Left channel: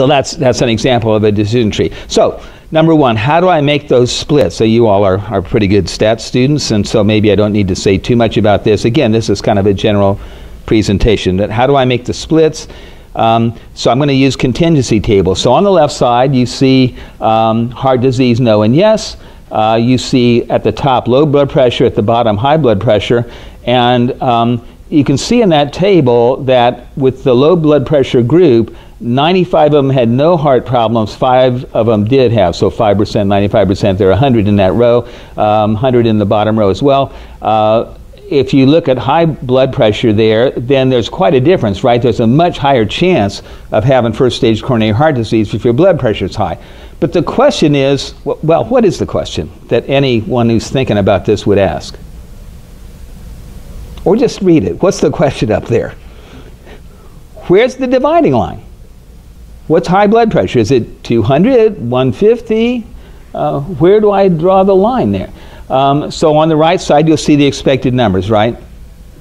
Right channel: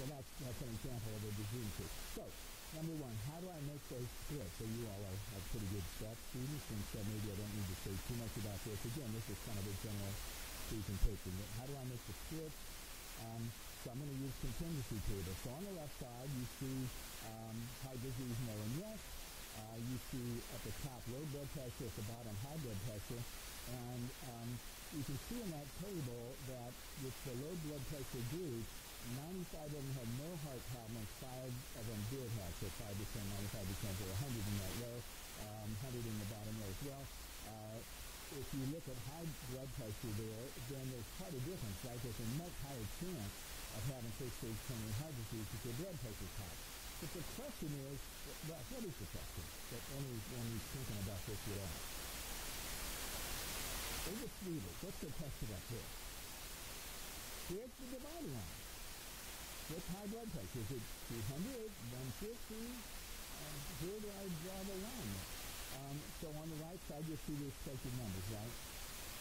So that's an example of a decision tree. So number one, how do I make those splits? So you all are pretty good stats students, and so maybe I don't need to say too much about this. Again, this is kind of a general presentation. That how do I make the splits? So I'm going to use contingency tables. So on the left side, you see heart disease, no and yes. You see at the top low blood pressure, at the bottom high blood pressure, and you can see in that table that with the low blood pressure group, 95 of them had no heart problems, 5 of them did have, so 5%, 95%, there are 100 in that row, 100 in the bottom row as well. If you look at high blood pressure there, then there's quite a difference, right? There's a much higher chance of having first stage coronary heart disease if your blood pressure is high. But the question is, well, what is the question that anyone who's thinking about this would ask? Or just read it. What's the question up there? Where's the dividing line? What's high blood pressure? Is it 200, 150? Where do I draw the line there? So on the right side, you'll see the expected numbers, right?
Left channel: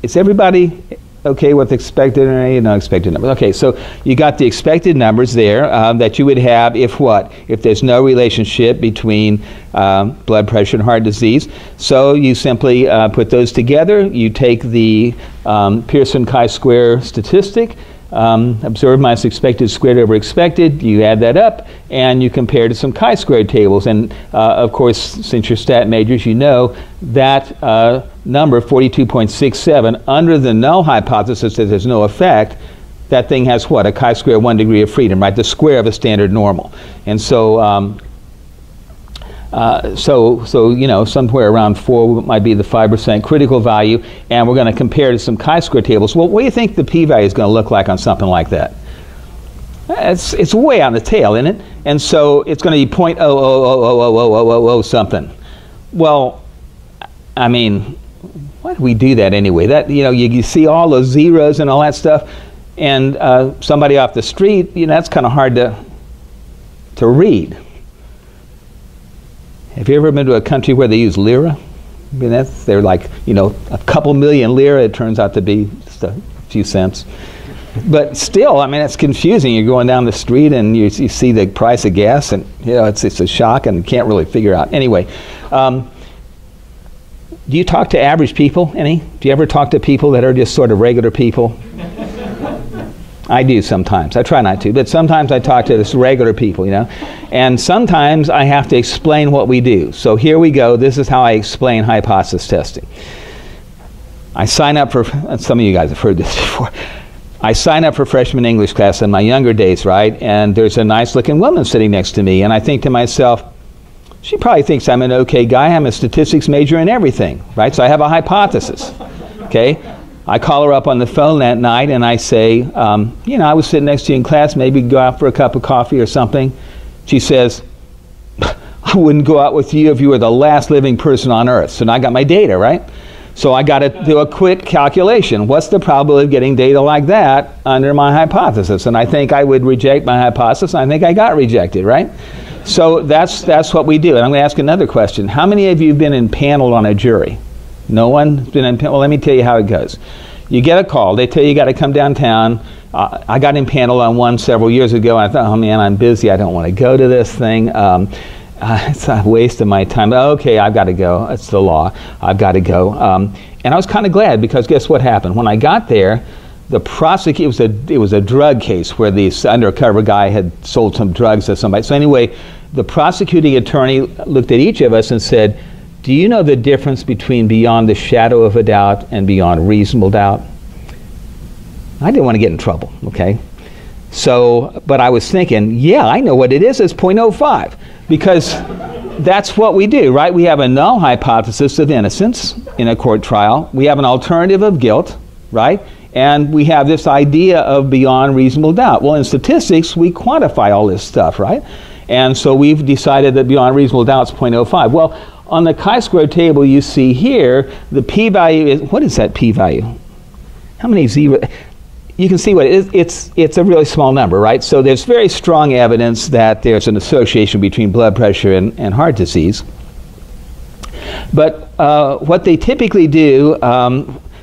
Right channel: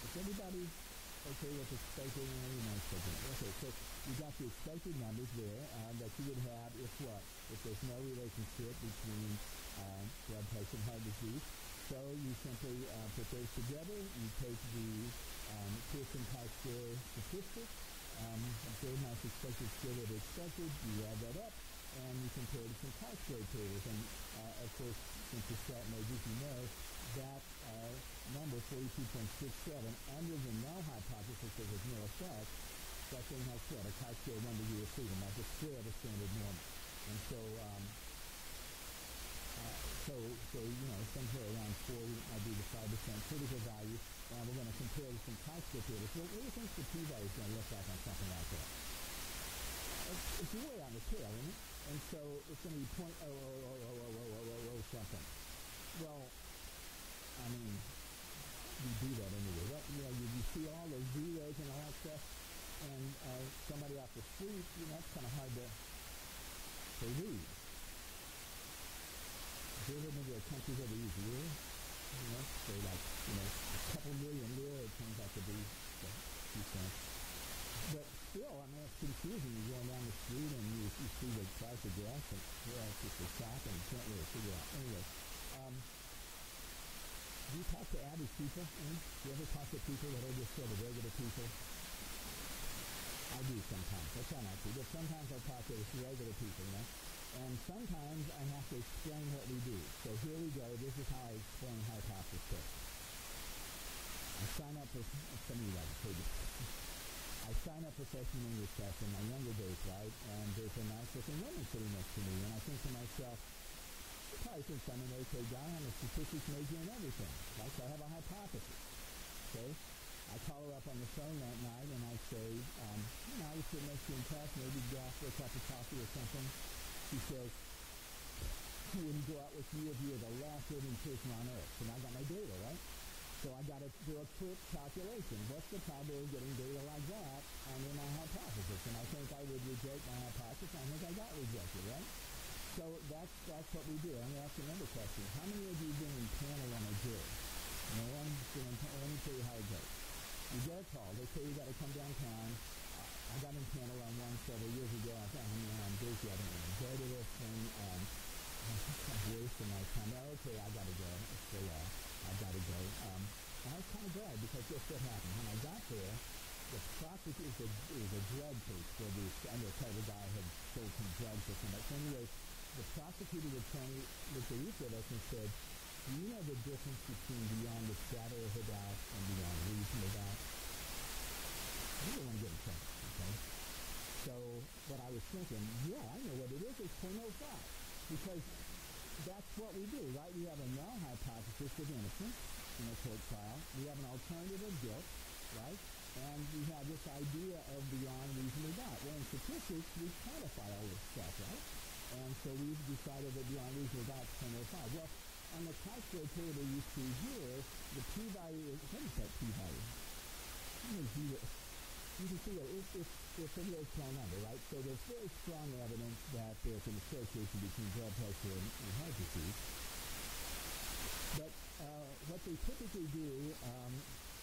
Is everybody okay with expected and unexpected numbers? Okay, so you got the expected numbers there that you would have if what? If there's no relationship between blood pressure and heart disease. So you simply put those together. You take the Pearson chi-square statistic, observed minus expected squared over expected, you add that up, and you compare to some chi-square tables. And of course, since you're stat majors, you know that number, 42.67, under the null hypothesis that there's no effect, that thing has what? A chi-square 1 degree of freedom, right? The square of a standard normal. And so, so you know, somewhere around 4 might be the 5% critical value, and we're going to compare to some chi-square tables. Well, what do you think the p-value is going to look like on something like that? It's way on the tail, isn't it? And so it's going to be 0.0000000 something. Well, I mean, why do we do that anyway? That, you know, you see all those zeros and all that stuff, and somebody off the street, you know, that's kind of hard to read. Have you ever been to a country where they use lira? I mean, they're like, you know, a couple million lira. It turns out to be just a few cents. But still, I mean, it's confusing. You're going down the street and you see the price of gas, and you know, it's a shock, and you can't really figure out. Anyway, do you talk to average people, any? Do you ever talk to people that are just sort of regular people? I do sometimes. I try not to, but sometimes I talk to this regular people, you know. And sometimes I have to explain what we do. So here we go. This is how I explain hypothesis testing. I sign up for, some of you guys have heard this before. I sign up for freshman English class in my younger days, right? And there's a nice looking woman sitting next to me, and I think to myself, she probably thinks I'm an okay guy. I'm a statistics major and everything, right? So I have a hypothesis, okay? I call her up on the phone that night and I say, you know, I was sitting next to you in class, maybe go out for a cup of coffee or something. She says, I wouldn't go out with you if you were the last living person on earth. So now I got my data, right? So I got to do a quick calculation. What's the probability of getting data like that under my hypothesis? And I think I would reject my hypothesis. I think I got rejected, right? So that's what we do. And I'm going to ask another question. How many of you have been impaneled on a jury? No one's been impaneled? Well, let me tell you how it goes. You get a call. They tell you got to come downtown. I got impaneled on one several years ago. And I thought, oh man, I'm busy. I don't want to go to this thing. It's a waste of my time. Okay, I've got to go. It's the law. I've got to go. And I was kind of glad, because guess what happened? When I got there, the prosecutor, it was a drug case where this undercover guy had sold some drugs to somebody. So anyway, the prosecuting attorney looked at each of us and said, do you know the difference between beyond the shadow of a doubt and beyond reasonable doubt? I didn't want to get in trouble, okay? So, but I was thinking, yeah, I know what it is. It's 0.05, because that's what we do, right? We have a null hypothesis of innocence in a court trial. We have an alternative of guilt, right? And we have this idea of beyond reasonable doubt. Well, in statistics, we quantify all this stuff, right? And so we've decided that beyond reasonable doubt is 0.05. Well, on the chi-square table you see here, the p-value is, what is that p-value? How many zeros? You can see what it is. It's a really small number, right? So there's very strong evidence that there's an association between blood pressure and heart disease. But what they typically do,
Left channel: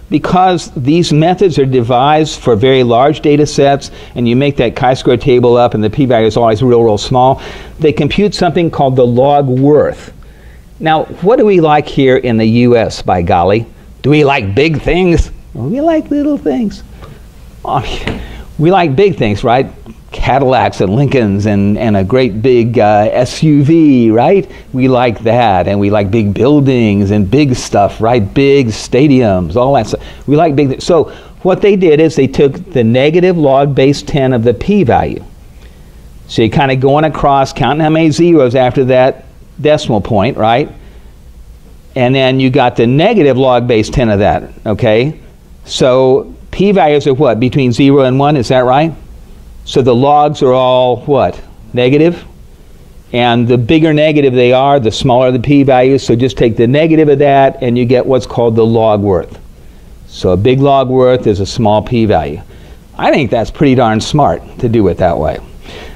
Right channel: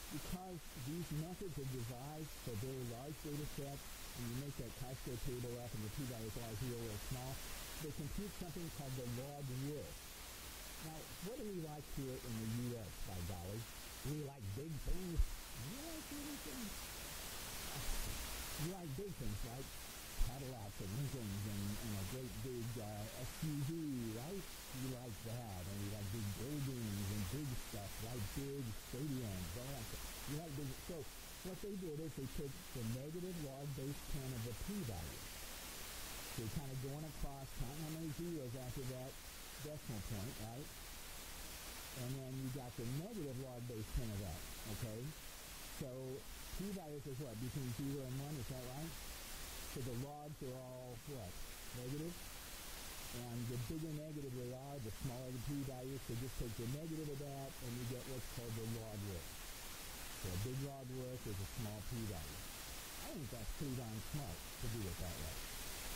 because these methods are devised for very large data sets, and you make that chi-square table up and the p-value is always real small, they compute something called the log worth. Now, what do we like here in the US, by golly? Do we like big things? Well, we like little things. Oh, we like big things, right? Cadillacs and Lincolns and a great big SUV, right? We like that, and we like big buildings and big stuff, right? Big stadiums, all that stuff. We like big. So what they did is they took the negative log base 10 of the p-value. So you're kind of going across, counting how many zeros after that decimal point, right? And then you got the negative log base 10 of that, okay? So p-values are what? Between 0 and 1, is that right? So the logs are all what? Negative. And the bigger negative they are, the smaller the p-values. So just take the negative of that and you get what's called the log worth. So a big log worth is a small p-value. I think that's pretty darn smart to do it that way.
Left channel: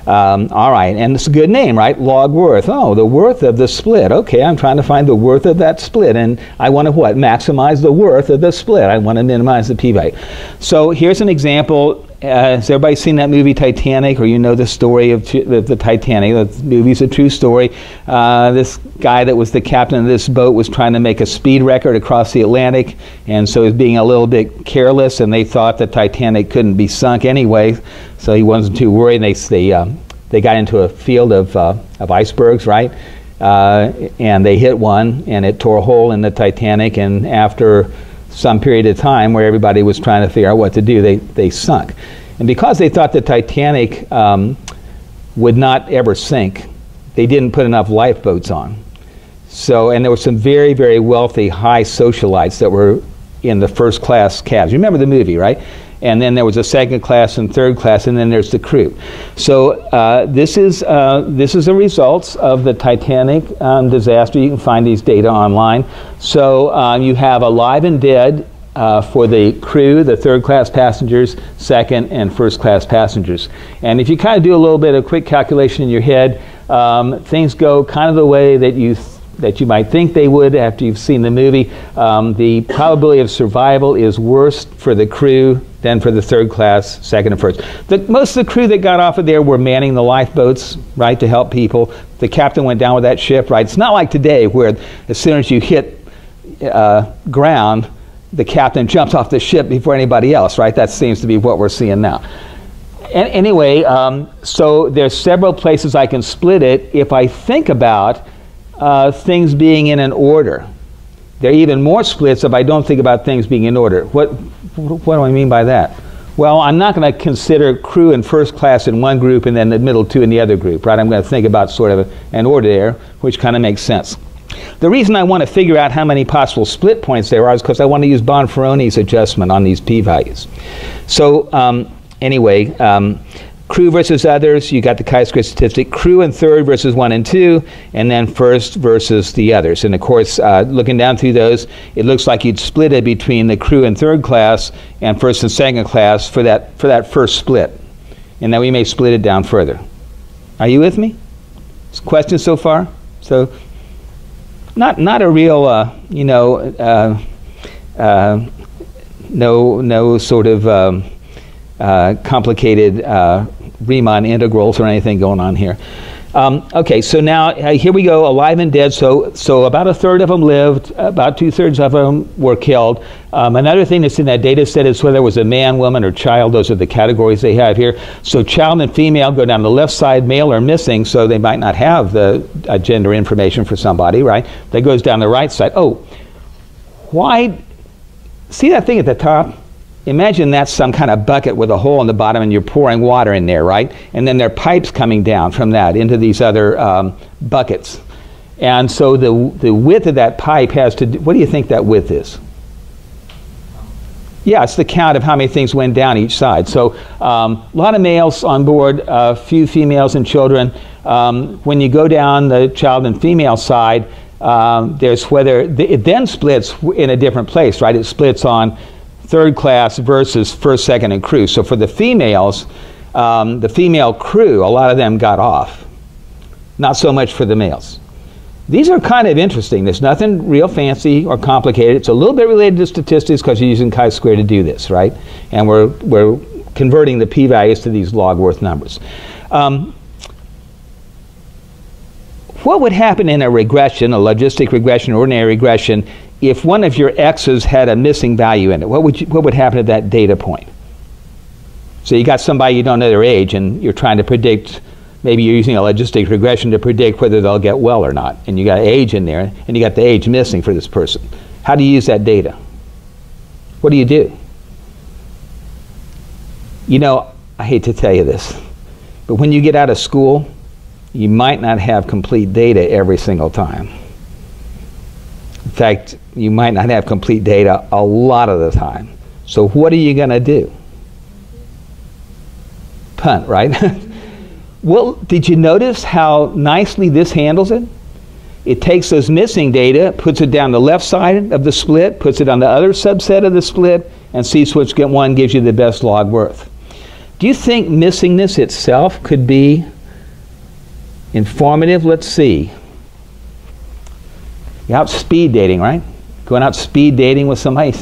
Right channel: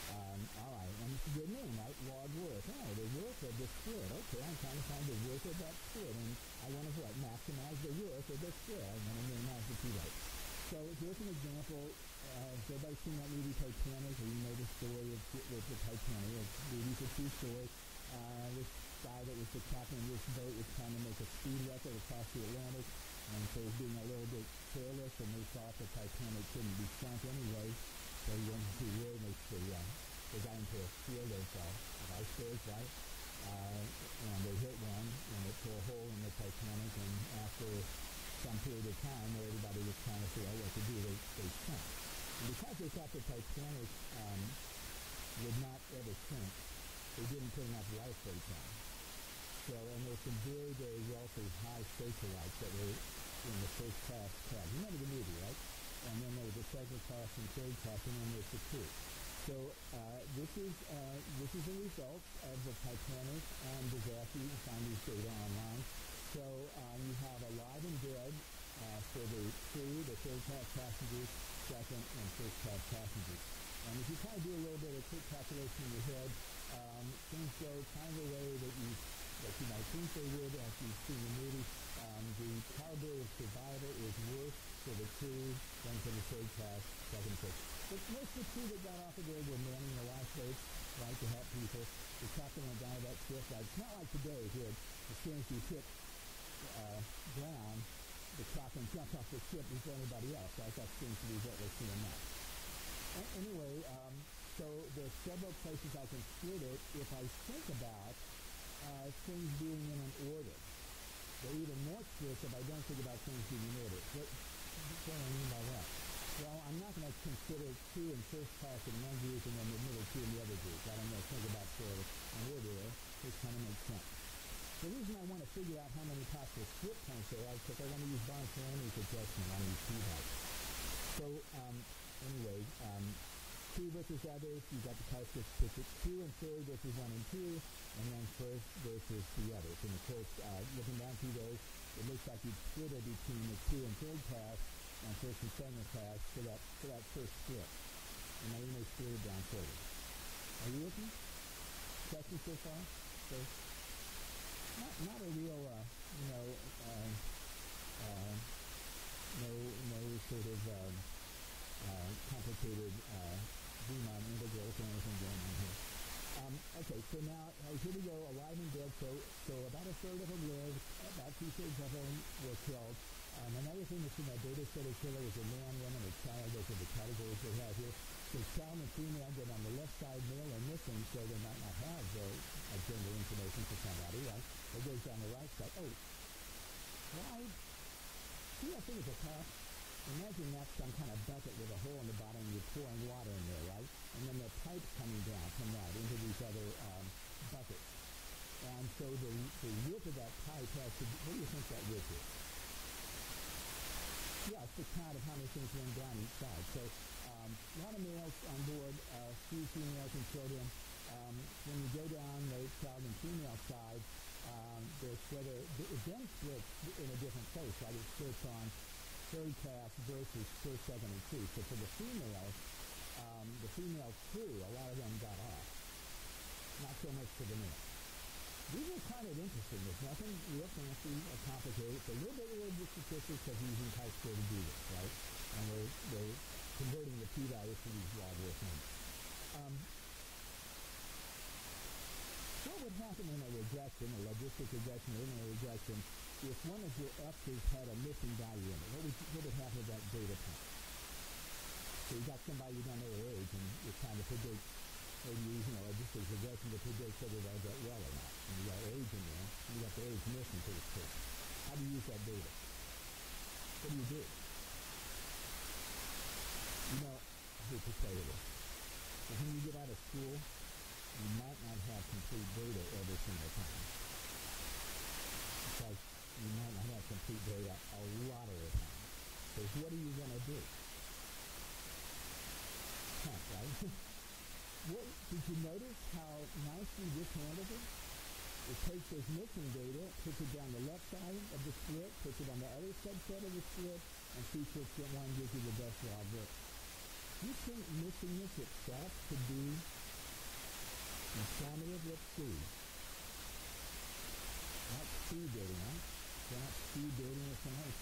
All right, and it's a good name, right? Log worth. Oh, the worth of the split. Okay, I'm trying to find the worth of that split, and I want to what? Maximize the worth of the split. I want to minimize the p-value. So here's an example. Has everybody seen that movie Titanic, or you know the story of the Titanic? The movie's a true story. This guy that was the captain of this boat was trying to make a speed record across the Atlantic, and so he was being a little bit careless, and they thought the Titanic couldn't be sunk anyway, so he wasn't too worried. They got into a field of icebergs, right? And they hit one, and it tore a hole in the Titanic, and after some period of time where everybody was trying to figure out what to do, they sunk. And because they thought the Titanic would not ever sink, they didn't put enough lifeboats on. So, and there were some very, very wealthy, high socialites that were in the first class cabs. You remember the movie, right? And then there was a second class and third class, and then there's the crew. So this is the results of the Titanic disaster. You can find these data online. So you have alive and dead for the crew, the third class passengers, second and first class passengers. And if you kind of do a little bit of quick calculation in your head, things go kind of the way that you might think they would after you've seen the movie. The probability of survival is worse for the crew than for the third class, second and first. Most of the crew that got off of there were manning the lifeboats, right, to help people. The captain went down with that ship, right? It's not like today where as soon as you hit ground, the captain jumps off the ship before anybody else, right? That seems to be what we're seeing now. Anyway, so there's several places I can split it if I think about things being in an order. There are even more splits if I don't think about things being in order. What do I mean by that? Well, I'm not going to consider crew and first class in one group and then the middle two in the other group, right? I'm going to think about sort of an order there, which kind of makes sense. The reason I want to figure out how many possible split points there are is because I want to use Bonferroni's adjustment on these p-values. So anyway, crew versus others, you got the chi-square statistic, crew and third versus 1 and 2, and then first versus the others. And of course, looking down through those, it looks like you'd split it between the crew and third class and first and second class for that first split. And then we may split it down further. Are you with me? Questions so far? So, not a real, no sort of complicated Riemann integrals or anything going on here. Okay, so now here we go, alive and dead. So about a third of them lived, about 2/3 of them were killed. Another thing that's in that data set is whether it was a man, woman, or child. Those are the categories they have here. So child and female go down the left side, male are missing, so they might not have the gender information for somebody, right? That goes down the right side. Oh, why? See that thing at the top? Imagine that's some kind of bucket with a hole in the bottom and you're pouring water in there, right? And then there are pipes coming down from that into these other buckets. And so the width of that pipe has to do, what do you think that width is? Yeah, it's the count of how many things went down each side. So a lot of males on board, a few females and children. When you go down the child and female side, there's whether, it then splits in a different place, right? It splits on third class versus first, second, and crew. So for the females, the female crew, a lot of them got off. Not so much for the males. These are kind of interesting. There's nothing real fancy or complicated. It's a little bit related to statistics because you're using chi-square to do this, right? And we're converting the p-values to these log-worth numbers. What would happen in a regression, a logistic regression, ordinary regression, if one of your x's had a missing value in it? What would happen at that data point? So you got somebody, you don't know their age, and you're trying to predict, maybe you're using a logistic regression to predict whether they'll get well or not. And you got age in there, and you got the age missing for this person. How do you use that data? What do you do? You know, I hate to tell you this, but when you get out of school, you might not have complete data every single time. In fact, you might not have complete data a lot of the time. So what are you going to do? Punt, right? Well, did you notice how nicely this handles it? It takes those missing data, puts it down the left side of the split, puts it on the other subset of the split, and sees which one gives you the best log worth. Do you think missingness itself could be informative? Let's see. You're out speed dating, right? Going out speed dating with somebody.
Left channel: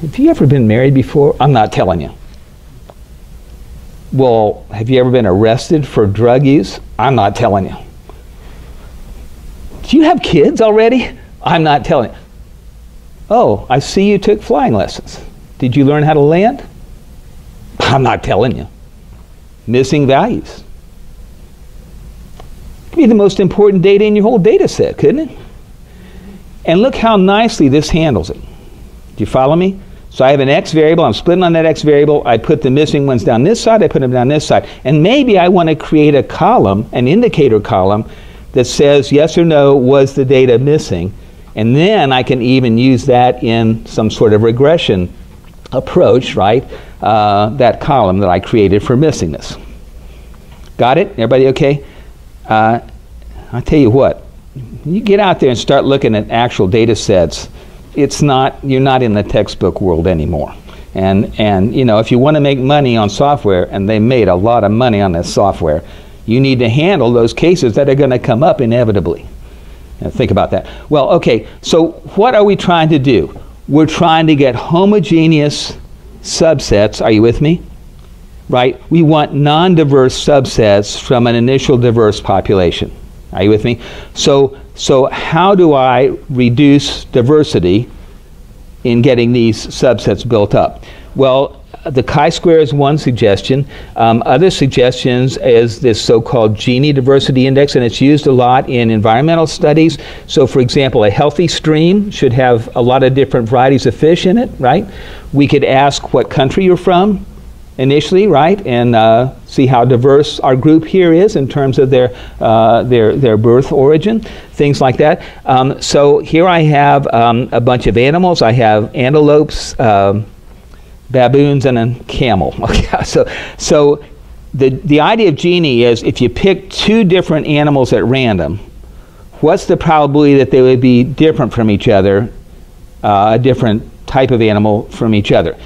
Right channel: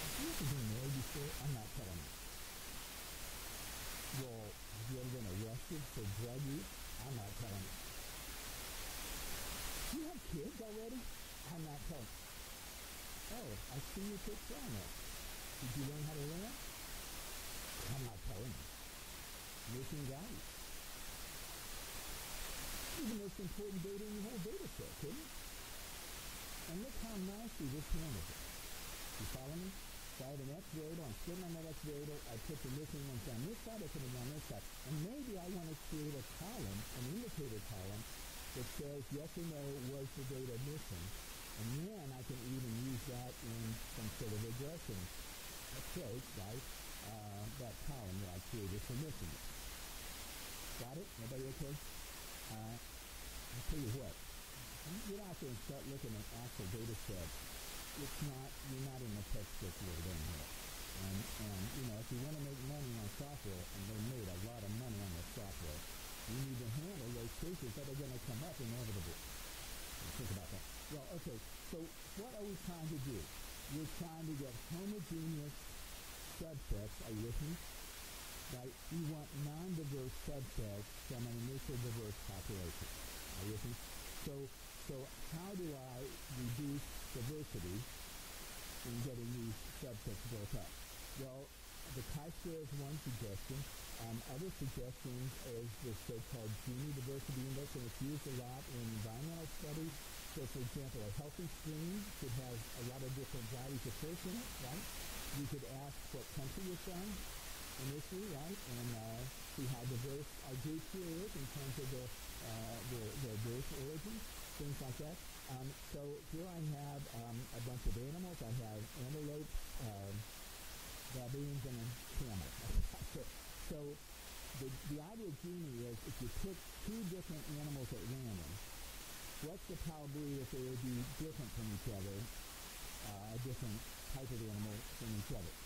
Have you ever been married before? I'm not telling you. Well, have you ever been arrested for drug use? I'm not telling you. Do you have kids already? I'm not telling you. Oh, I see you took flying lessons. Did you learn how to land? I'm not telling you. Missing values. Could be the most important data in your whole data set, couldn't it? And look how nicely this handles it. Do you follow me? So I have an x variable, I'm splitting on that x variable, I put the missing ones down this side, I put them down this side. And maybe I want to create a column, an indicator column, that says yes or no, was the data missing? And then I can even use that in some sort of regression approach, right? That column that I created for missingness. Got it? Everybody okay? I'll tell you what, when you get out there and start looking at actual data sets, you're not in the textbook world anymore. And you know, if you want to make money on software, and they made a lot of money on this software, you need to handle those cases that are going to come up inevitably. Now, think about that. Well, okay, so what are we trying to do? We're trying to get homogeneous subsets. Are you with me? Right? We want non-diverse subsets from an initial diverse population. Are you with me? So how do I reduce diversity in getting these subsets built up? Well, the chi-square is one suggestion. Other suggestions is this so-called Gini diversity index, and it's used a lot in environmental studies. So for example, a healthy stream should have a lot of different varieties of fish in it, right? We could ask what country you're from initially, right? And see how diverse our group here is in terms of their birth origin, things like that. So here I have a bunch of animals. I have antelopes, baboons, and a camel. Okay, so the idea of Gini is if you pick two different animals at random, what's the probability that they would be different from each other, a different type of animal from each other?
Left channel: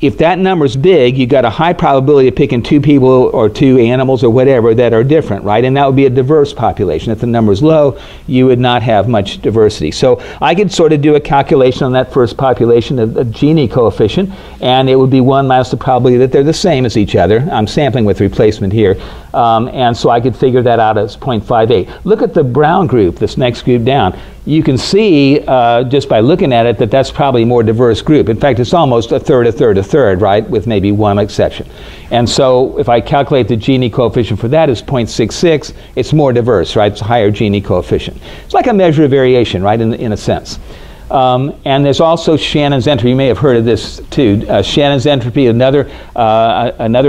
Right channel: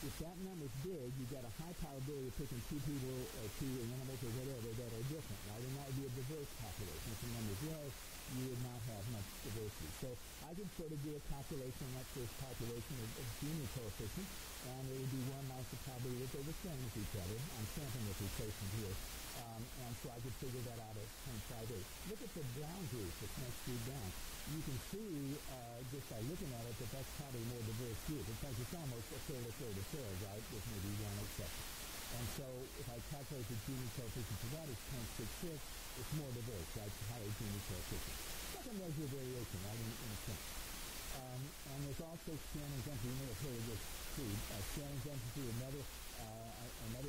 If that number's big, you've got a high probability of picking two people or two animals or whatever that are different, right? And that would be a diverse population. If the number's low, you would not have much diversity. So I could sort of do a calculation on that first population, a Gini coefficient, and it would be 1 minus the probability that they're the same as each other. I'm sampling with replacement here. And so I could figure that out as 0.58. Look at the brown group, this next group down. You can see just by looking at it that that's probably a more diverse group. In fact, it's almost a third, a third, a third, right, with maybe one exception. And so if I calculate the Gini coefficient for that as 0.66, it's more diverse, right? It's a higher Gini coefficient. It's like a measure of variation, right, in a sense. And there's also Shannon's entropy. You may have heard of this too. Shannon's entropy, another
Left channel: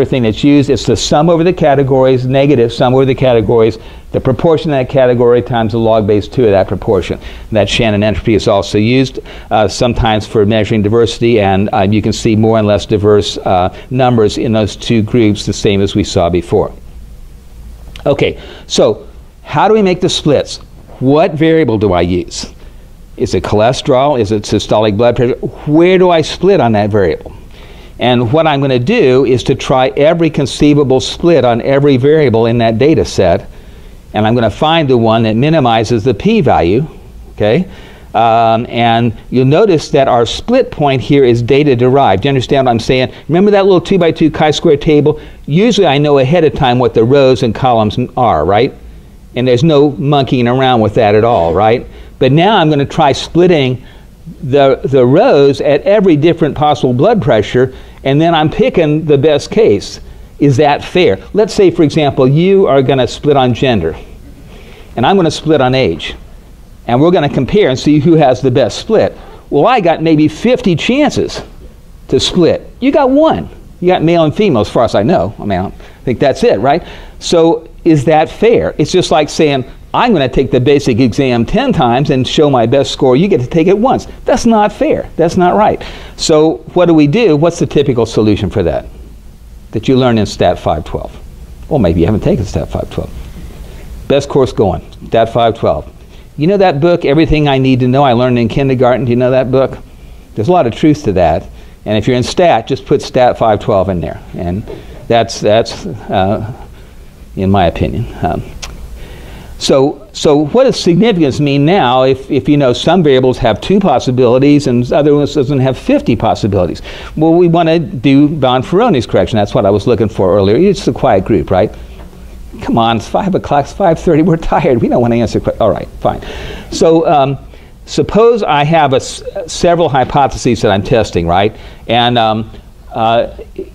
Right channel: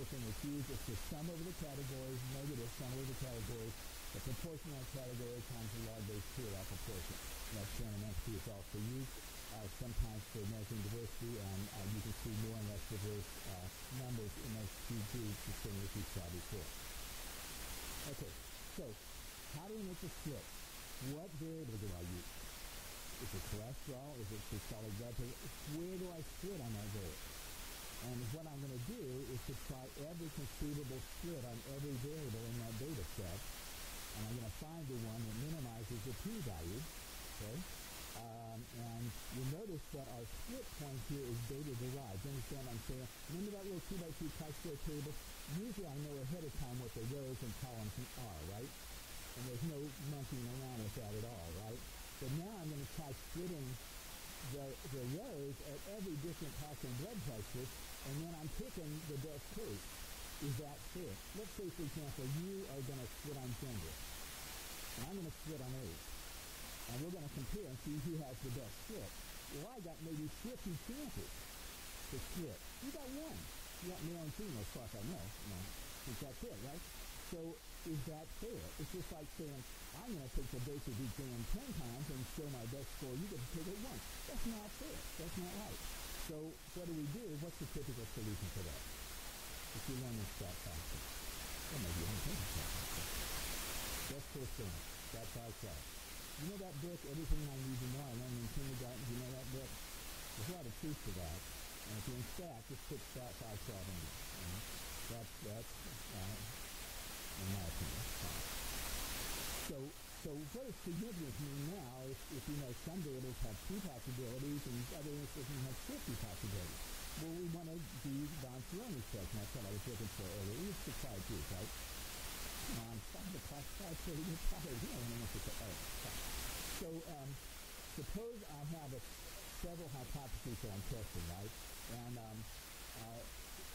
thing that's used. It's the sum over the categories, negative sum over the categories, the proportion of that category times the log base 2 of that proportion. And that Shannon entropy is also used sometimes for measuring diversity, and you can see more and less diverse numbers in those two groups, the same as we saw before. Okay, so how do we make the splits? What variable do I use? Is it cholesterol? Is it systolic blood pressure? Where do I split on that variable? And what I'm going to do is to try every conceivable split on every variable in that data set, and I'm going to find the one that minimizes the p-value, okay? And you'll notice that our split point here is data derived. Do you understand what I'm saying? Remember that little 2x2 chi-square table? Usually I know ahead of time what the rows and columns are, right? And there's no monkeying around with that at all, right? But now I'm going to try splitting the rows at every different possible blood pressure, and then I'm picking the best case. Is that fair? Let's say, for example, you are going to split on gender, and I'm going to split on age. And we're going to compare and see who has the best split. Well, I got maybe 50 chances to split. You got one. You got male and female, as far as I know. I mean, I think that's it, right? So is that fair? It's just like saying, I'm going to take the basic exam 10 times and show my best score. You get to take it once. That's not fair. That's not right. So what do we do? What's the typical solution for that you learn in Stat 512? Well, maybe you haven't taken Stat 512. Best course going, Stat 512. You know that book, Everything I Need to Know, I learned in kindergarten? Do you know that book? There's a lot of truth to that. And if you're in Stat, just put Stat 512 in there. And that's in my opinion. So what does significance mean now if you know some variables have 2 possibilities and other ones doesn't have 50 possibilities? Well, we want to do Bonferroni's correction. That's what I was looking for earlier. It's a quiet group, right? Come on, it's 5 o'clock, it's 5:30, we're tired. We don't want to answer questions. All right, fine. So suppose I have several hypotheses that I'm testing, right? And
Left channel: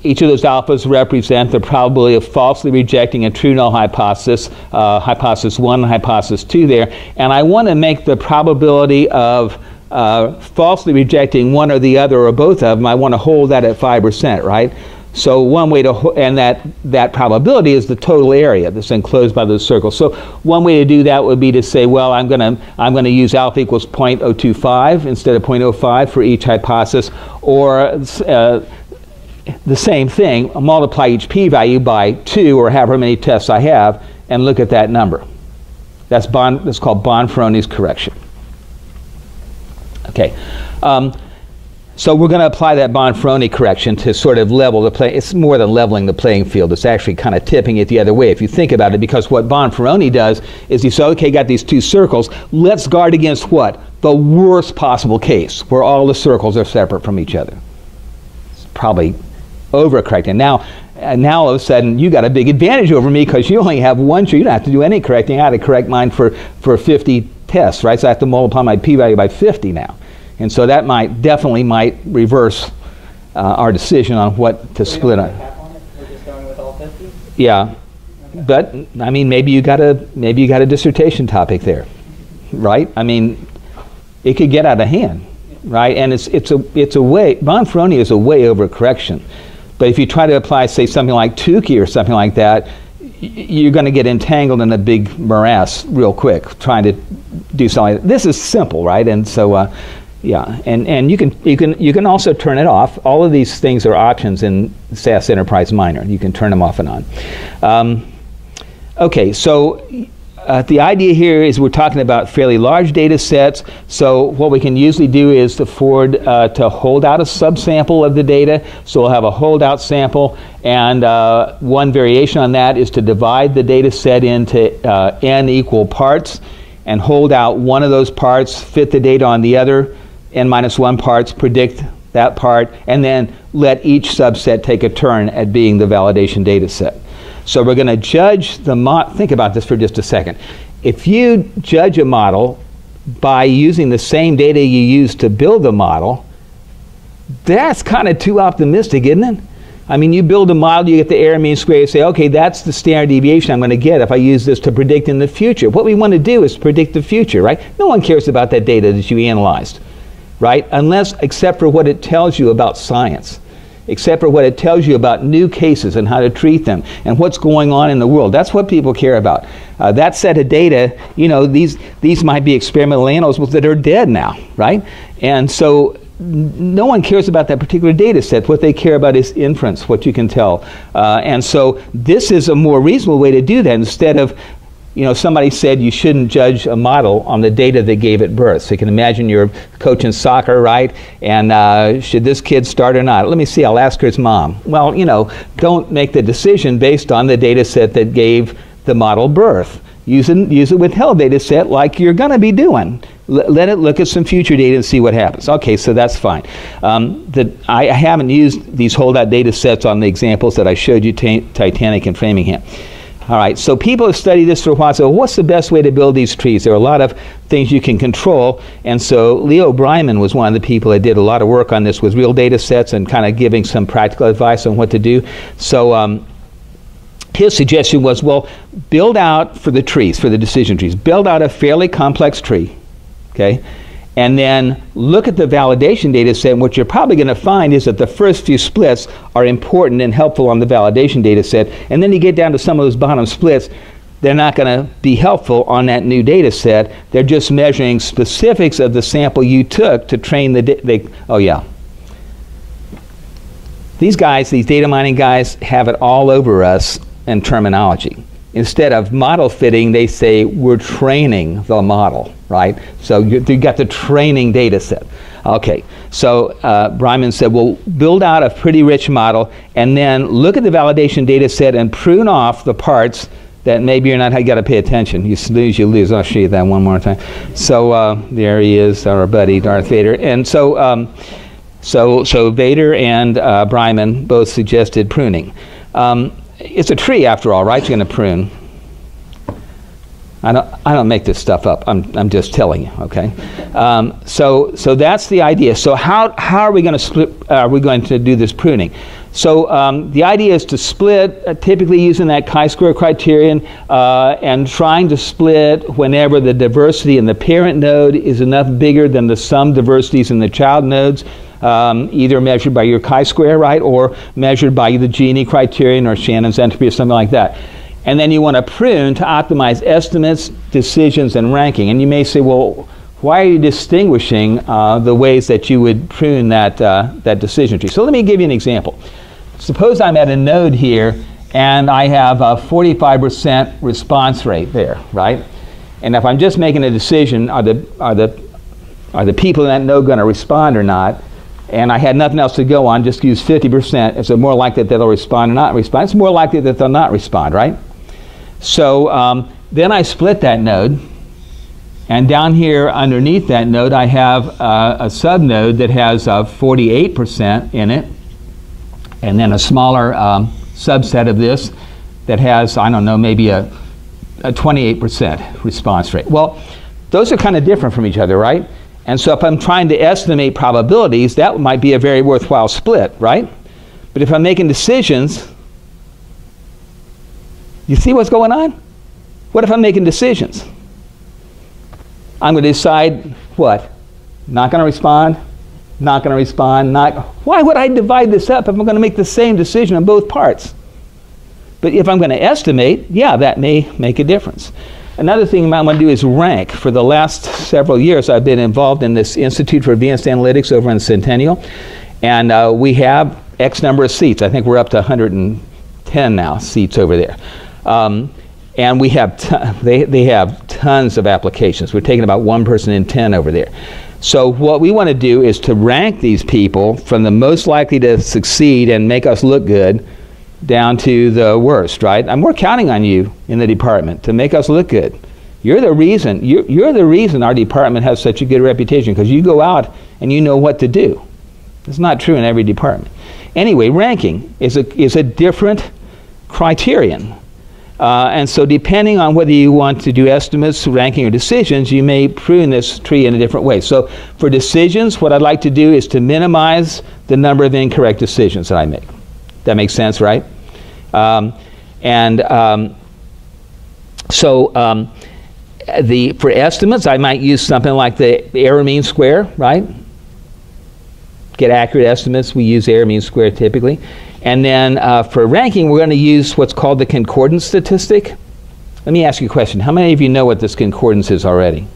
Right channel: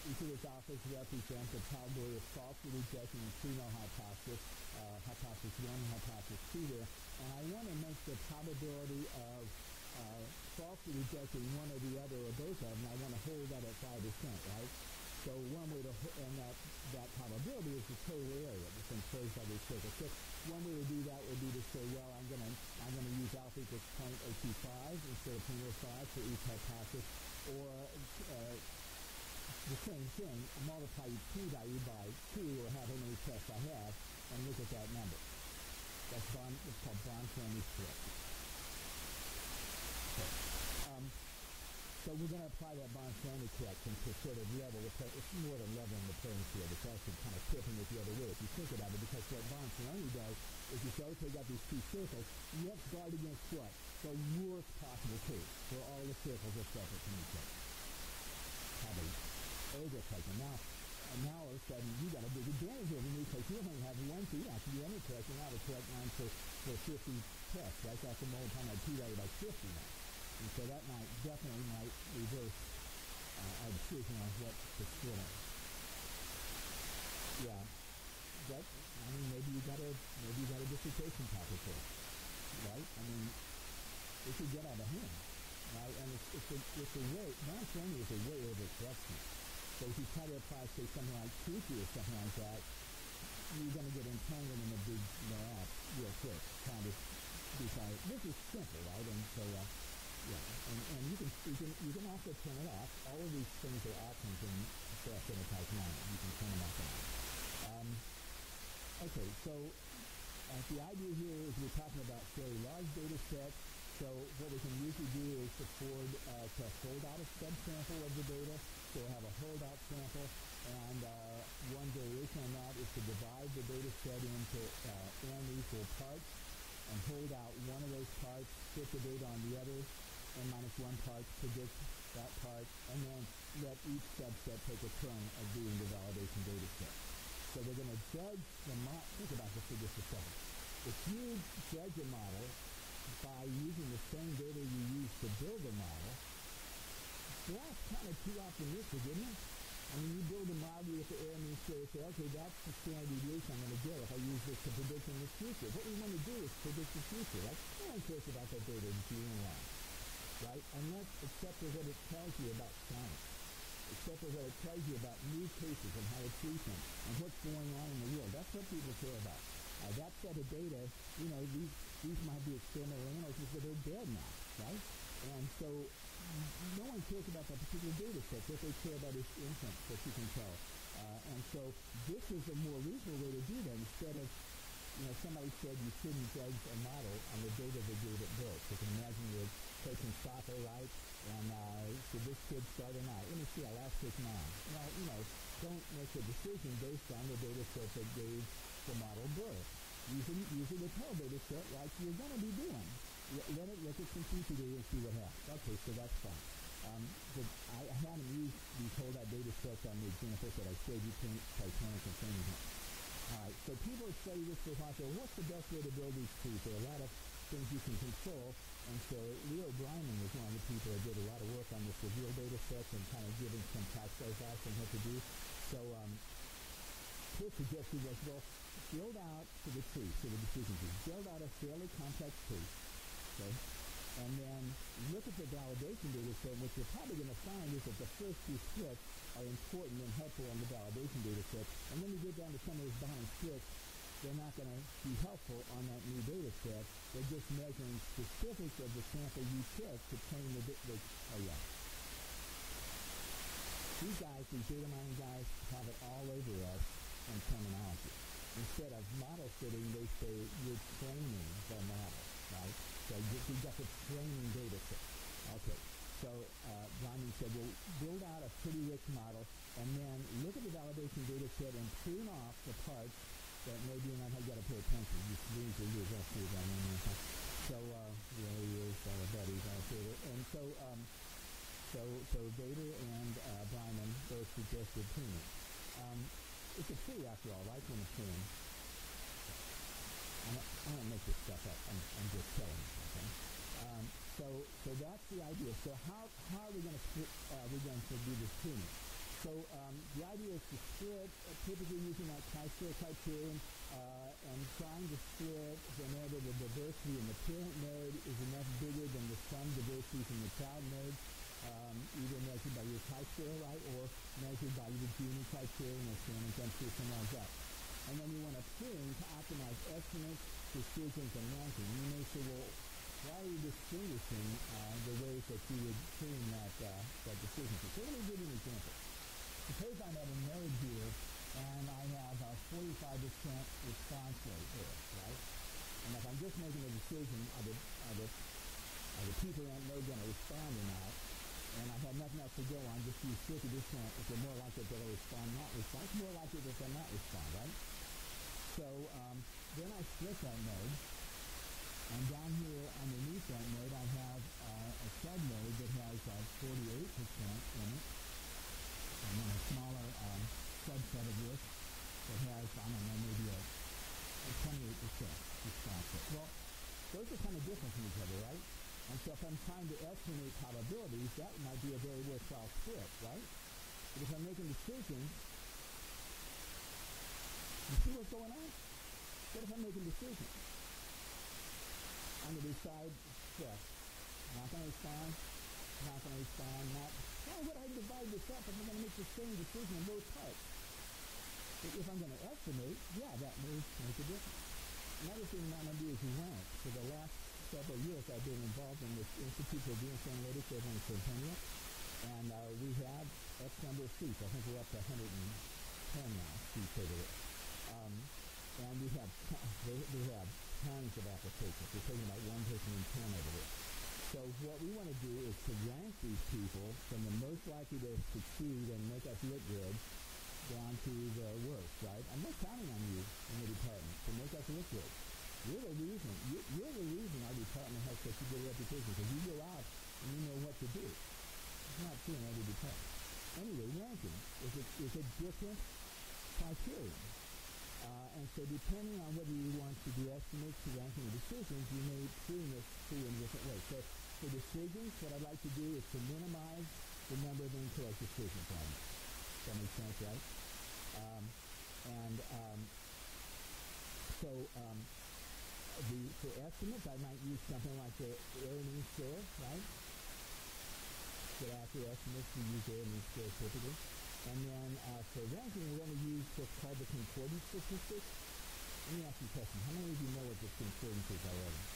each of those alphas represent the probability of falsely rejecting a true null hypothesis, hypothesis 1 and hypothesis 2 there. And I want to make the probability of falsely rejecting one or the other or both of them, I want to hold that at 5%, right? So one way to, and that probability is the total area that's enclosed by those circles. So one way to do that would be to say, well, I'm going to use alpha equals 0.025 instead of 0.05 for each hypothesis, or the same thing, multiply each p-value by 2 or however many tests I have, and look at that number. That's called Bonferroni's correction. Okay. So we're going to apply that Bonferroni correction to sort of level the play. It's more than leveling the playing field. It's actually kind of tipping it the other way if you think about it, because what Bonferroni does is he says, okay, got these 2 circles. Let's guard against what? The worst possible case, where all the circles are separate from each other. It's probably overcorrecting. Now all of a sudden, you got a big advantage over me because you only have one. You don't have to do any correcting. I had to correct mine for 50 tests, right? So I have to multiply my p-value by 50 now. And so that definitely might reverse our decision on what to split on. We're just going with all 50? Yeah, but I mean, maybe you got a dissertation topic there, right? I mean, it could get out of hand, right? And it's a way. Bonferroni is a way over correction, but if you try to apply, say, something like Tukey or something like that, you're going to get entangled in a big morass real quick trying to do something. This is simple, right? And so. Yeah, and you can also turn it off. All of these things are options in SAS Enterprise Minor. You can turn them off and on. Okay, so the idea here is we're talking about fairly large data sets. So what we can usually do is afford to hold out a subsample of the data. So we'll have a holdout sample, and one variation on that is to divide the data set into n equal parts and hold out one of those parts, fit the data on the other, n-1 parts, predict that part, and then let each subset take a turn at being the validation data set. So we're going to judge the model. Think about this for just a second. If you judge a model by using the same data you used to build the model, that's kind of too optimistic, isn't it? I mean, you build a model, you get the error mean square, you say, okay, that's the standard deviation I'm going to get if I use this to predict in the future. What we want to do is predict the future, right? No one cares about that data that you analyzed, right? Except for what it tells you about science, except for what it tells you about new cases and how to treat them and what's going on in the world. That's what people care about. That set of data, you know, these might be experimental animals that are dead now, right? And so no one cares about that particular data set. What they care about is inference, what you can tell. And so this is a more reasonable way to do that. Instead of you know, somebody said you shouldn't judge a model on the data they gave at birth. So you can imagine you're coaching soccer, right? And should this kid start or not? Let me see, I'll ask his mom. Well, you know, don't make the decision based on the data set that gave the model birth. Use a withheld data set like you're going to be doing. Let it look at some future data and see what happens. Okay, so that's fine. I haven't used these holdout data sets on the examples that I showed you, Titanic and Framingham. All right, so people have studied this for a while, so what's the best way to build these trees? There are a lot of things you can control, and so Leo Bryman was one of the people that did a lot of work on this with real data sets and kind of giving some practical advice on what to do. So his suggestion was, well, build out for the trees, for the decision trees, build out a fairly complex tree, okay? And then look at the validation data set, and what you're probably going to find is that the first few splits are important and helpful on the validation data set, and then you get down to some of those bottom splits, they're not going to be helpful on that new data set. They're just measuring specifics of the sample you took to train the oh yeah. These guys, these data mining guys, have it all over us in terminology. Instead of model fitting, they say we're training the model, right? So you got the training data set. Okay, so Bryman said, well, build out a pretty rich model and then look at the validation data set and prune off the parts that maybe you're not, you got to pay attention. You snooze, you lose. I'll show you that one more time. So there he is, our buddy Darth Vader. And so, so Vader and Bryman both suggested pruning. It's a tree after all, right? You're going to prune. I don't make this stuff up. I'm just telling you, okay? So that's the idea. So how are we going to split? Are we going to do this pruning? So the idea is to split, typically using that chi-square criterion, and trying to split whenever the diversity in the parent node is enough bigger than the sum diversities in the child nodes. Either measured by your chi-square, right, or measured by the Gini criterion or Shannon's entropy or something like that. And then you want to prune to optimize estimates, decisions, and ranking. And you may say, well, why are you distinguishing the ways that you would prune that decision tree? So let me give you an example. Suppose I'm at a node here, and I have a 45% response rate there, right? And if I'm just making a decision, are the people in that node going to respond or not? And I had nothing else to go on, just use 50%. Is it more likely that they'll respond or not respond? It's more likely that they'll not respond, right? So then I split that node, and down here underneath that node I have a subnode that has 48% in it, and then a smaller subset of this that has, I don't know, maybe a 28% response rate. Well, those are kind of different from each other, right? And so if I'm trying to estimate probabilities, that might be a very worthwhile split, right? But if I'm making decisions, you see what's going on? What if I'm making decisions? I'm going to decide what? Not going to respond, not going to respond, not. Why would I divide this up if I'm going to make the same decision on both parts? But if I'm going to estimate, yeah, that may make a difference. Another thing you might want to do is rank. For the last several years, I've been involved in this Institute for Advanced Analytics over in Centennial, and we have X number of seats. I think we're up to 110 now seats over there. And we have they have tons of applications. We're taking about 1 person in 10 over there. So what we want to do is to rank these people from the most likely to succeed and make us look good down to the worst, right? And we're counting on you in the department to make us look good. You're the reason. You're the reason our department has such a good reputation, because you go out and you know what to do. It's not true in every department. Anyway, ranking is a different criterion. And so depending on whether you want to do estimates, ranking, or decisions, you may prune this tree in a different way. So for decisions, what I'd like to do is to minimize the number of incorrect decisions that I make. That makes sense, right? For estimates, I might use something like the error mean square, right? Get accurate estimates, we use error mean square typically. And then for ranking, we're going to use what's called the concordance statistic. Let me ask you a question. How many of you know what this concordance is already?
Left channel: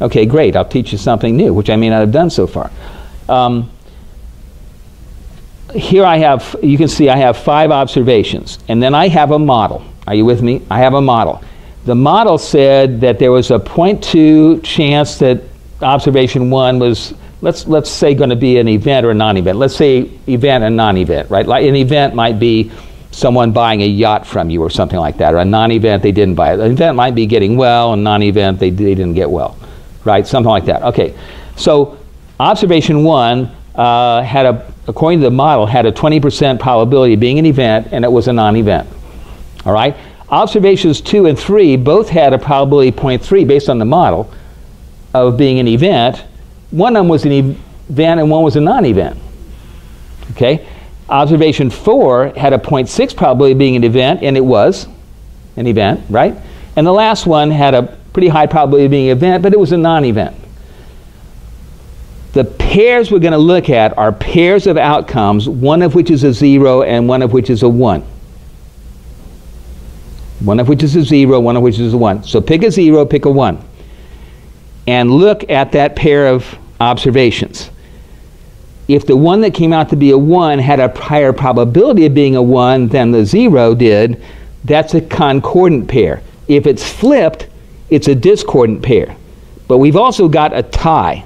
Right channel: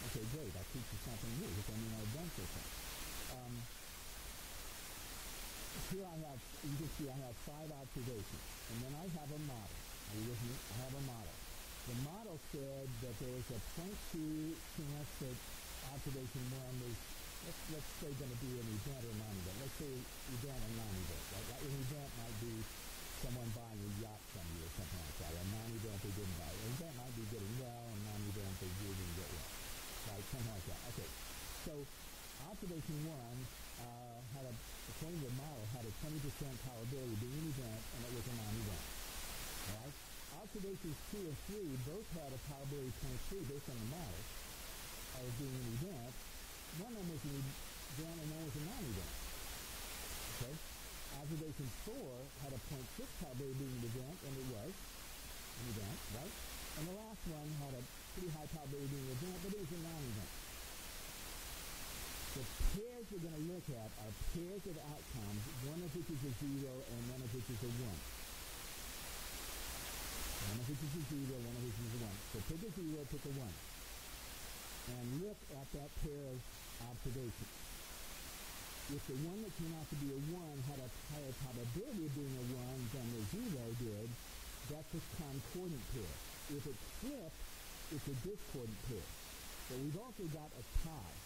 Okay, great. I'll teach you something new, which I may not have done so far. Here I have, you can see I have 5 observations, and then I have a model. Are you with me? I have a model. the model said that there was a 0.2 chance that observation 1 was, let's say, going to be an event or a non-event. Let's say event and non-event, right? Like an event might be someone buying a yacht from you or something like that, or a non-event they didn't buy it. An event might be getting well, and non-event they didn't get well, right? Something like that. Okay, so observation 1 according to the model, had a 20% probability of being an event, and it was a non-event. All right? Observations 2 and 3 both had a probability 0.3 based on the model of being an event. One of them was an event and one was a non-event. Okay? Observation 4 had a 0.6 probability of being an event, and it was an event, right? And the last one had a pretty high probability of being an event, but it was a non-event. The pairs we're going to look at are pairs of outcomes, one of which is a 0 and one of which is a 1. One of which is a 0, one of which is a 1. So pick a 0, pick a 1. And look at that pair of observations. If the one that came out to be a 1 had a higher probability of being a 1 than the 0 did, that's a concordant pair. If it's flipped, it's a discordant pair. But we've also got a tie.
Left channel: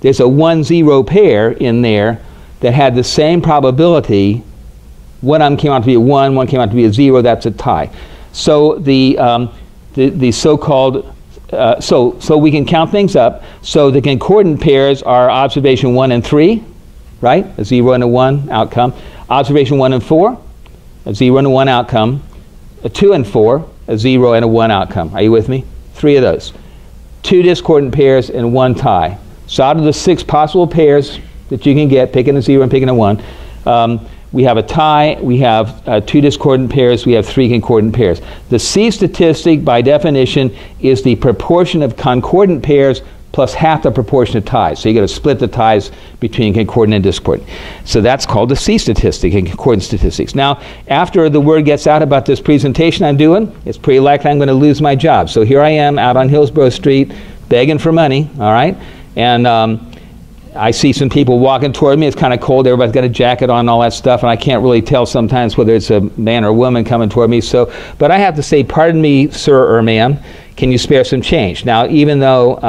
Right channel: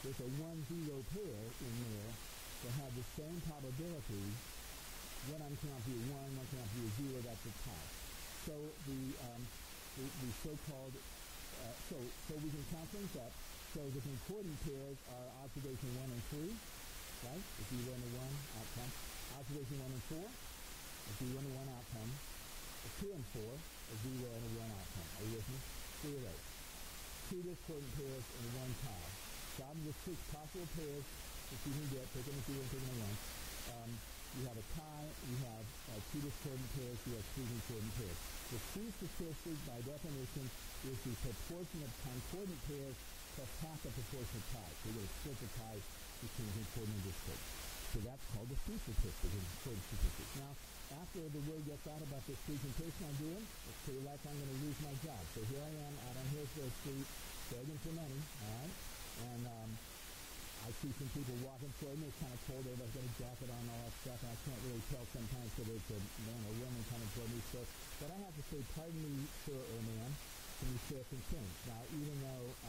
There's a 1-0 pair in there that had the same probability. One of them came out to be a 1, one came out to be a 0, that's a tie. So the so-called, so we can count things up. So the concordant pairs are observation 1 and 3, right? A 0 and a 1 outcome. Observation 1 and 4, a 0 and a 1 outcome. A 2 and 4, a 0 and a 1 outcome. Are you with me? 3 of those. 2 discordant pairs and 1 tie. So out of the 6 possible pairs that you can get, picking a 0 and picking a 1, we have a tie, we have 2 discordant pairs, we have 3 concordant pairs. The C statistic, by definition, is the proportion of concordant pairs plus half the proportion of ties. So you got to split the ties between concordant and discordant. So that's called the C statistic in concordant statistics. Now, after the word gets out about this presentation I'm doing, it's pretty likely I'm going to lose my job. So here I am out on Hillsborough Street begging for money, all right? And I see some people walking toward me. It's kind of cold. Everybody's got a jacket on and all that stuff, and I can't really tell sometimes whether it's a man or a woman coming toward me. So, but I have to say, pardon me, sir or ma'am, can you spare some change? Now, even though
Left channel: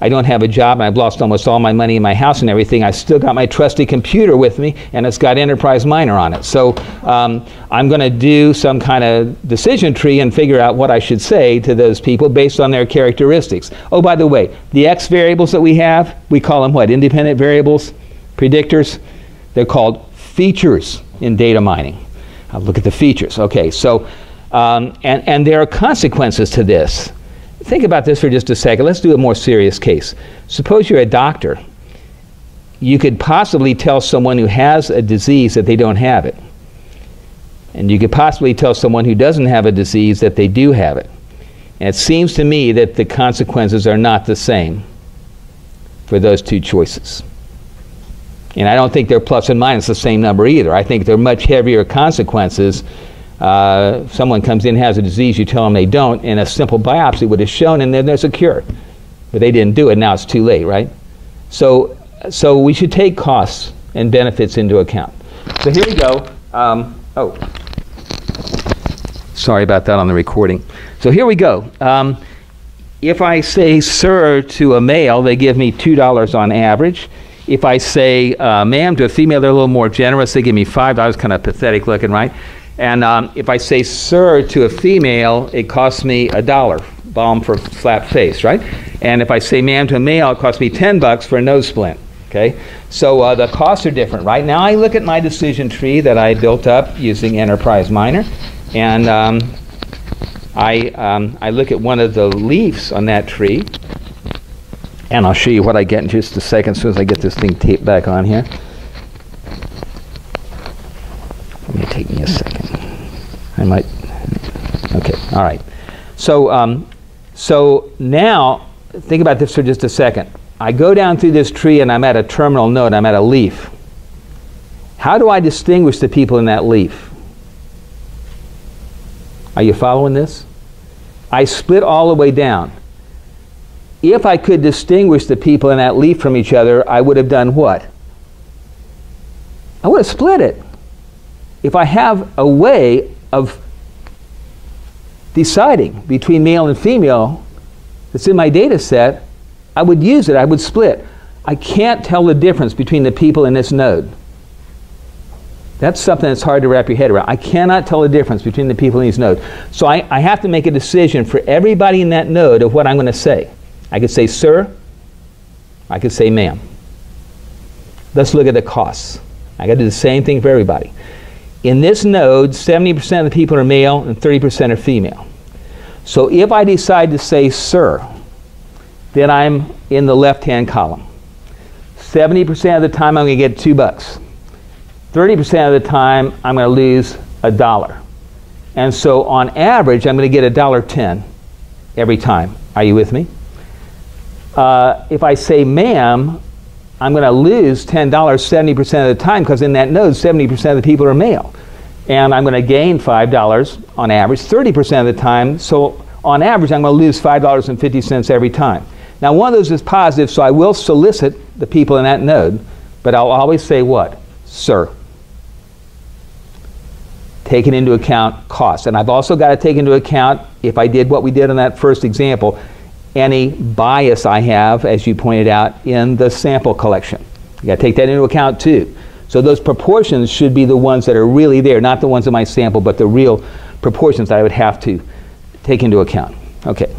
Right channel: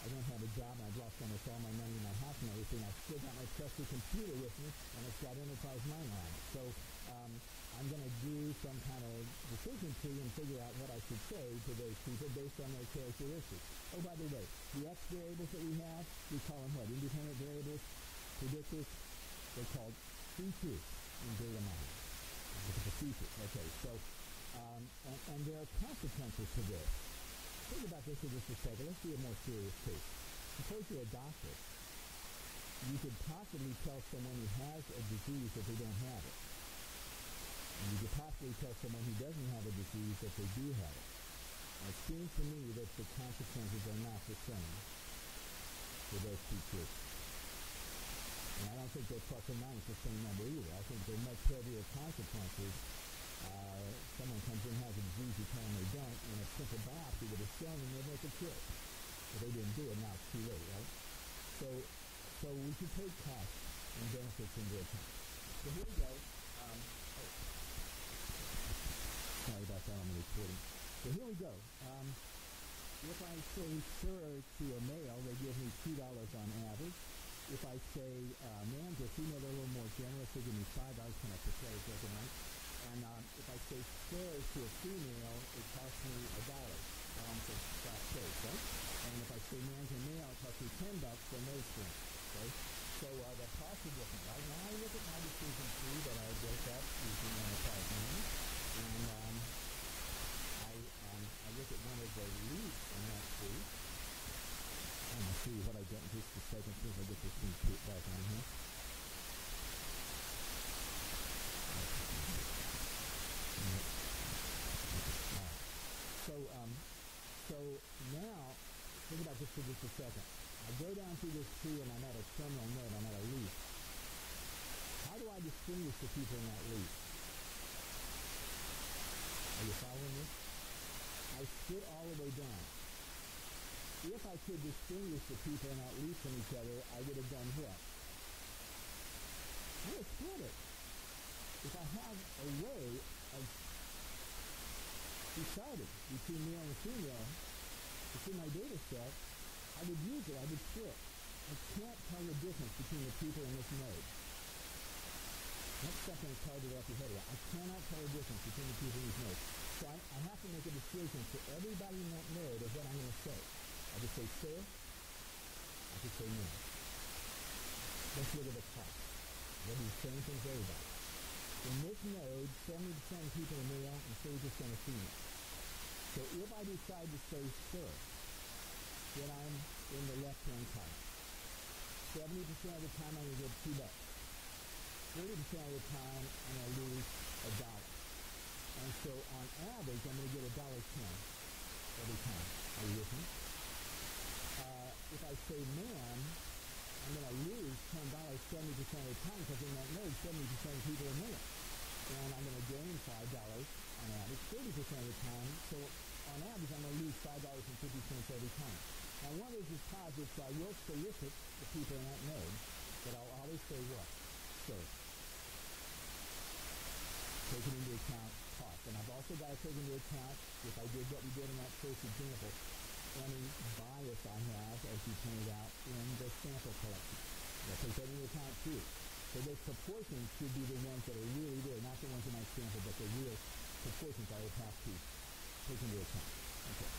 I don't have a job and I've lost almost all my money in my house and everything, I still got my trusty computer with me, and it's got Enterprise Miner on it. So I'm going to do some kind of decision tree and figure out what I should say to those people based on their characteristics. Oh, by the way, the X variables that we have, we call them what? Independent variables? Predictors? They're called features in data mining. I'll look at the features. Okay, so, and there are consequences to this. Think about this for just a second. Let's do a more serious case. Suppose you're a doctor. You could possibly tell someone who has a disease that they don't have it. And you could possibly tell someone who doesn't have a disease that they do have it. And it seems to me that the consequences are not the same for those two choices. And I don't think they're plus and minus the same number either. I think they're much heavier consequences. If someone comes in and has a disease, you tell them they don't, and a simple biopsy would have shown, and then there's a cure. But they didn't do it, now it's too late, right? So we should take costs and benefits into account. So here we go. Oh, sorry about that on the recording. So here we go. If I say sir to a male, they give me $2 on average. If I say ma'am to a female, they're a little more generous. They give me $5, kind of pathetic looking, right? And if I say sir to a female, it costs me $1, balm for flat face, right? And if I say ma'am to a male, it costs me $10 for a nose splint, okay? So the costs are different. Right now I look at my decision tree that I built up using Enterprise Miner, and I look at one of the leaves on that tree, and I'll show you what I get in just a second as soon as I get this thing taped back on here. It may take me a second. I might, okay, all right. So, so now, think about this for just a second. I go down through this tree and I'm at a terminal node, I'm at a leaf. How do I distinguish the people in that leaf? Are you following this? I split all the way down. If I could distinguish the people in that leaf from each other, I would have done what? I would have split it. If I have a way of deciding between male and female that's in my data set, I would use it, I would split. I can't tell the difference between the people in this node. That's something that's hard to wrap your head around. I cannot tell the difference between the people in these nodes. So I have to make a decision for everybody in that node of what I'm going to say. I could say sir, I could say ma'am. Let's look at the costs. I got to do the same thing for everybody. In this node, 70% of the people are male and 30% are female. So if I decide to say sir, then I'm in the left-hand column. 70% of the time I'm going to get $2. 30% of the time I'm going to lose $1. And so on average, I'm going to get $1.10 every time. Are you with me? If I say ma'am, I'm going to lose $10 70% of the time, because in that node, 70% of the people are male. And I'm going to gain $5 on average 30% of the time. So on average, I'm going to lose $5.50 every time. Now, one of those is positive, so I will solicit the people in that node, but I'll always say what? Sir. Taking into account cost. And I've also got to take into account, if I did what we did in that first example, any bias I have, as you pointed out, in the sample collection. You got to take that into account too. So those proportions should be the ones that are really there, not the ones in my sample, but the real proportions that I would have to take into account. Okay.